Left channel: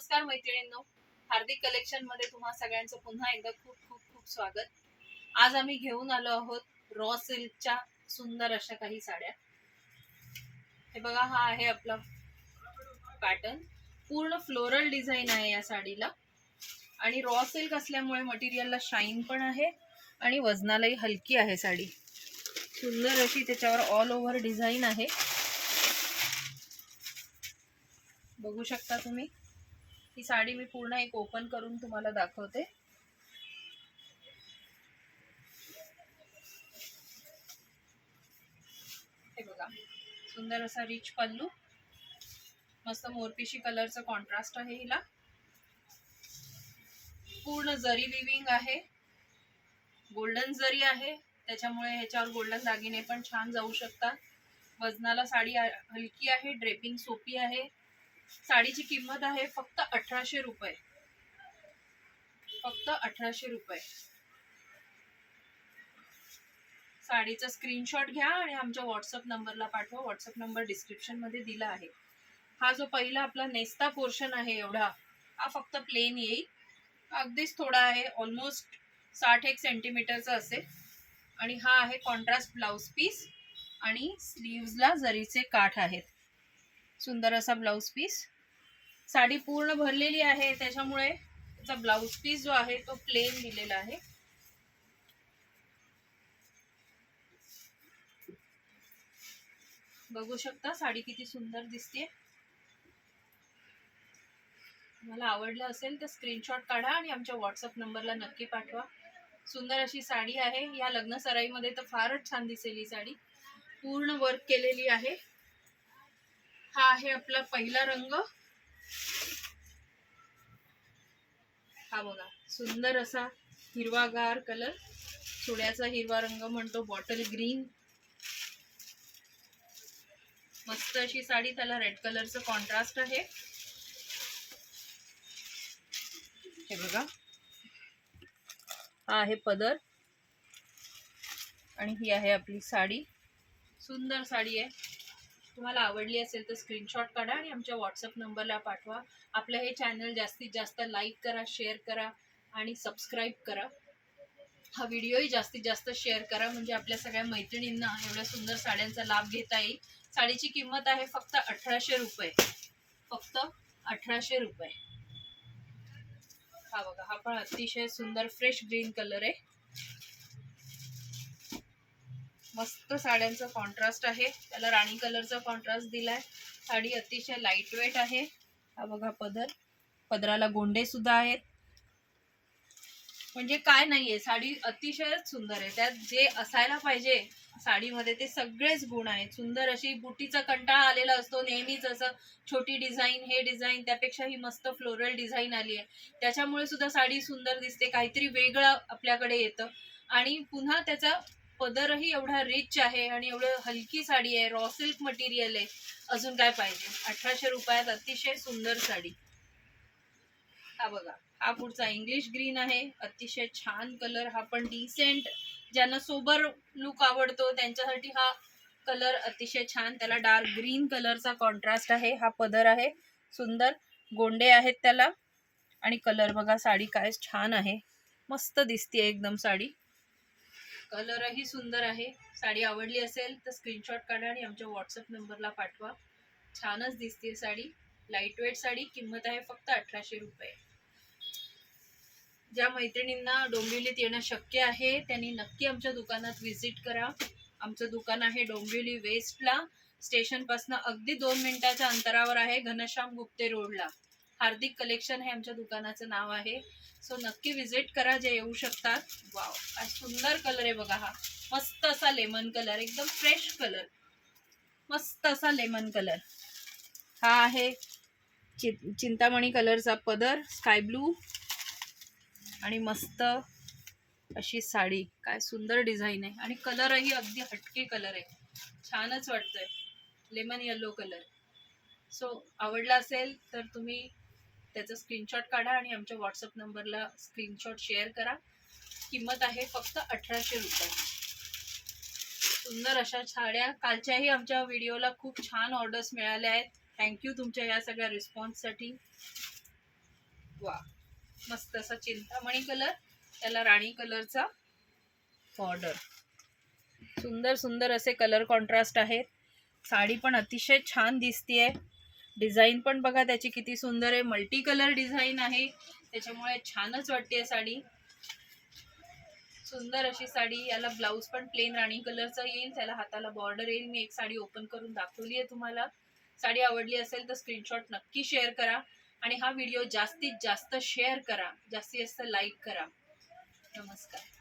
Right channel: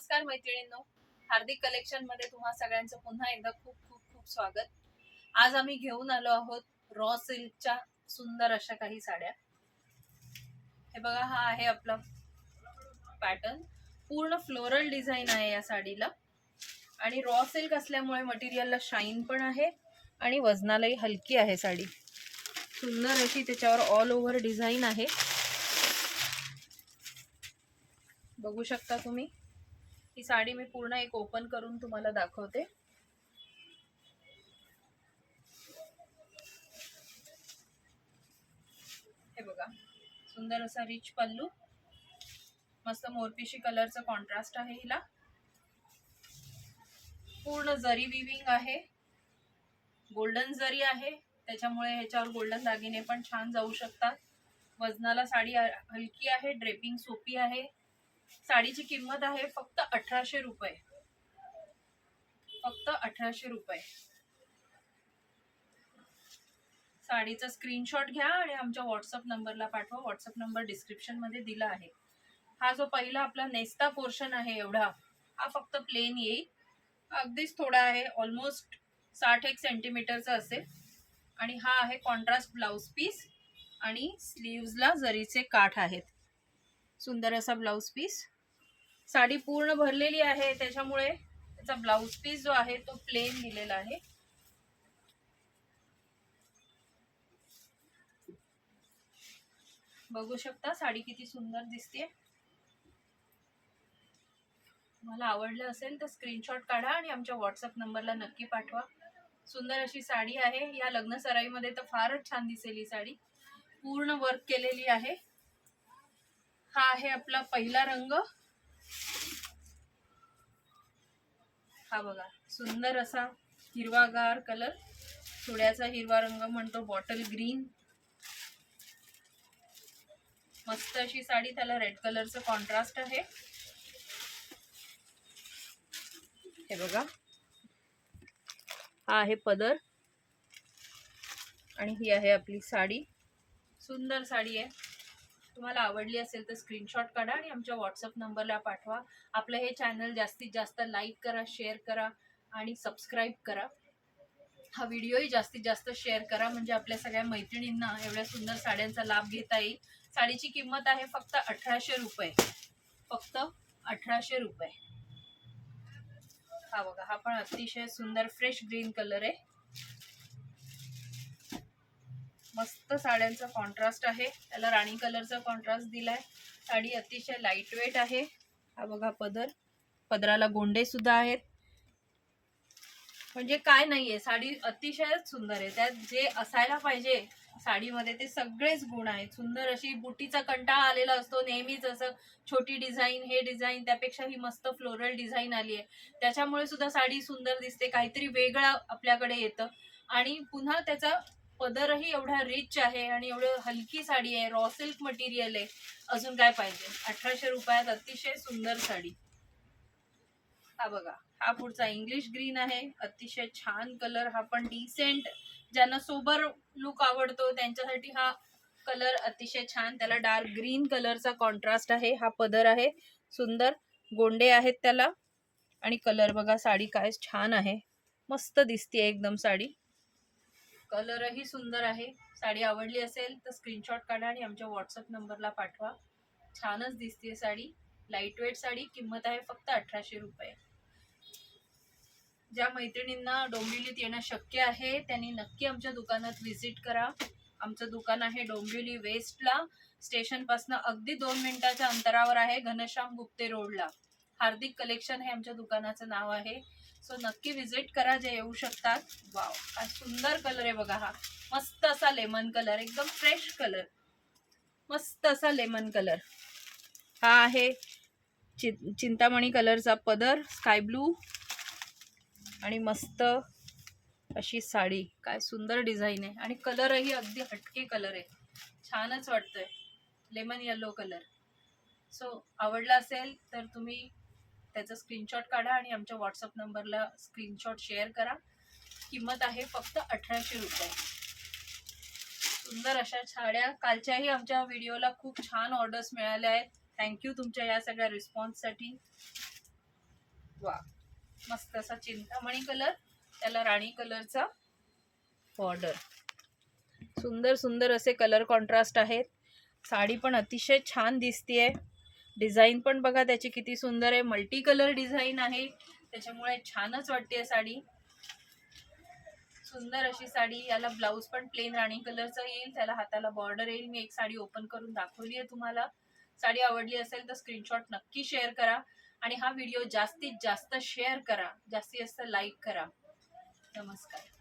नमस्कार मैत्रिणींनो, हार्दिक कलेक्शन मध्ये तुम्हा सगळ्यांचं पुन्हा एकदा खूप खूप खूप स्वागत. आज आम्ही घेऊन आलो आहोत रॉ सिल्कच्या सुंदर अशा काही साड्या. हे बघा, हा आहे आपला पॅटर्न. पूर्ण फ्लोरल डिझाईन आहे या साडीला आणि रॉ सिल्क असल्यामुळे मटेरियलला शाईन पण आहे आणि वजनालाही हलकी आहे साडी. सुंदर अशी त्याच्यावर ऑल ओव्हर डिझाईन आहे, बघू शकता तुम्ही. ही साडी मी पूर्ण एक ओपन करून तुम्हाला दाखवते. हे बघा, सुंदर असा रिच पल्लू, मस्त मोरपिशी कलरचा कॉन्ट्रास्ट आहे हिला. पूर्ण जरी विविंग आहे, गोल्डन जरी आहे, त्याच्यामुळे ह्याच्यावर गोल्डन दागिने पण छान जाऊ शकतात. वजनाला साडी हलकी आहे, ड्रेपिंग सोपी आहे. साडीची किंमत आहे फक्त 1800 रुपये, फक्त 1800 रुपये. साडीचा स्क्रीनशॉट घ्या आणि आमच्या व्हॉट्सअप नंबरला पाठवा. व्हॉट्सअप नंबर डिस्क्रिप्शन मध्ये दिला आहे. हा जो पहिला आपला नेस्ता पोर्शन आहे एवढा, हा फक्त प्लेन येईल. अगदीच थोडा आहे, ऑलमोस्ट 60 सेंटीमीटरचा असेल. आणि हा आहे कॉन्ट्रास्ट ब्लाउज पीस आणि स्लीव्सला जरीचे काठ आहेत. सुंदर असा ब्लाउज पीस. साडी पूर्ण भरलेली आहे, त्याच्यामुळे त्याचा ब्लाउज पीस जो आहे तो प्लेन दिलेला आहे. बघू शकता साडी किती सुंदर दिसते. तुम्हाला आवडलं असेल तर स्क्रीनशॉट काढा आणि आमच्या व्हॉट्सअप नंबरला नक्की पाठवा. सुंदर अशी साडी आहे. या लग्न सराईमध्ये तर फारच छान दिसेल ही साडी. पूर्ण वर्क केलेली आहे. हा आहे आपला पहिला रंग. हा बघा, सुंदर असा हिरवागार कलर, सोड्याचा हिरवा रंग म्हणतो, बॉटल ग्रीन. मस्त अशी साडी, त्याला रेड कलरचं कॉन्ट्रास्ट आहे. हे बघा, हा आहे पदर आणि ही आहे आपली साडी. सुंदर साडी आहे. तुम्हाला आवडली असेल तर स्क्रीनशॉट काढा आणि आमच्या व्हॉट्सअप नंबरला पाठवा. आपलं हे चॅनल जास्तीत जास्त लाईक करा, शेअर करा आणि सबस्क्राईब करा. हा व्हिडिओही जास्तीत जास्त शेअर करा, म्हणजे आपल्या सगळ्या मैत्रिणींना एवढ्या सुंदर साड्यांचा लाभ घेता येईल. साडीची किंमत आहे फक्त 1800 रुपये, फक्त 1800 रुपये. हा बघा, हा पण अतिशय सुंदर फ्रेश ग्रीन कलर आहे. मस्त साड्यांचा कॉन्ट्रास्ट आहे, त्याला राणी कलरचा कॉन्ट्रास्ट दिलाय. साडी अतिशय लाईट वेट आहे. हा बघा पदर, पदराला गोंडे सुद्धा आहेत. म्हणजे काय नाहीये, साडी अतिशय सुंदर आहे. त्यात जे असायला पाहिजे साडीमध्ये ते सगळेच गुण आहेत. सुंदर अशी बुटीचा कंटाळा आलेला असतो नेहमीच, असं छोटी डिझाईन, हे डिझाईन, त्यापेक्षा ही मस्त फ्लोरल डिझाईन आली आहे. त्याच्यामुळे सुद्धा साडी सुंदर दिसते, काहीतरी वेगळं आपल्याकडे येतं. आणि पुन्हा त्याचा पदरही एवढा रिच आहे आणि एवढं हलकी साडी आहे, रॉ सिल्क मटेरियल आहे. अजून काय पाहिजे. 1800 रुपयात अतिशय सुंदर साडी. हा बघा, हा पुढचा इंग्लिश ग्रीन आहे, अतिशय छान कलर. हा पण डिसेंट, ज्यांना सोबर लुक आवडतो त्यांच्यासाठी हा कलर अतिशय छान. त्याला डार्क ग्रीन कलरचा कॉन्ट्रास्ट आहे. हा पदर आहे, सुंदर गोंडे आहेत त्याला. आणि कलर बघा, साडी काय छान आहे, मस्त दिसते एकदम साडी. कलरही सुंदर आहे. साडी आवडली असेल तर स्क्रीनशॉट काढा आणि आमच्या व्हॉट्सअप नंबरला पाठवा. छानच दिसते साडी, लाईट वेट साडी. किंमत आहे फक्त 1800 रुपये. ज्या मैत्रिणींना डोंबिवलीत येणं शक्य आहे त्यांनी नक्की आमच्या दुकानात व्हिजिट करा. आमचं दुकान आहे डोंबिवली वेस्टला, स्टेशन पासून अगदी 2 मिनिटाच्या अंतरावर आहे, घनश्याम गुप्ते रोडला. हार्दिक कलेक्शन हे आमच्या दुकानाचं नाव आहे. सो नक्की व्हिजिट करा जे येऊ शकतात. वाव, हा सुंदर कलर आहे बघा. हा मस्त असा लेमन कलर, एकदम फ्रेश कलर, मस्त असा लेमन कलर. हा आहे चिंतामणी कलरचा पदर, स्काय ब्लू आणि मस्त अशी साडी. काय सुंदर डिझाईन आहे आणि कलरही अगदी हटके कलर आहे, छानच वाटतोय, लेमन येलो कलर. सो आवडला असेल तर तुम्ही त्याचा स्क्रीनशॉट काढा आणि आमच्या व्हॉट्सअप नंबरला स्क्रीनशॉट शेअर करा. किंमत आहे फक्त 1800 रुपये. सुंदर अशा साड्या. कालच्याही आमच्या व्हिडिओला खूप छान ऑर्डर्स मिळाल्या आहेत. थँक्यू तुमच्या या सगळ्या रिस्पॉन्ससाठी. वा, मस्त असा चिंतामणी कलर, त्याला राणी कलरचा बॉर्डर. सुंदर सुंदर असे कलर कॉन्ट्रास्ट आहेत. साडी पण अतिशय छान दिसतीये. डिझाईन पण बघा त्याची किती सुंदर आहे. मल्टी कलर डिझाईन आहे, त्याच्यामुळे छानच वाटते साडी. सुंदर अशी साडी. याला ब्लाउज पण प्लेन राणी कलरचा येईल, त्याला हाताला बॉर्डर येईल. मी एक साडी ओपन करून दाखवली आहे तुम्हाला. साडी आवडली असेल तर स्क्रीनशॉट नक्की शेअर करा आणि हा व्हिडिओ जास्तीत जास्त शेअर करा, जास्तीत जास्त लाईक करा. नमस्कार.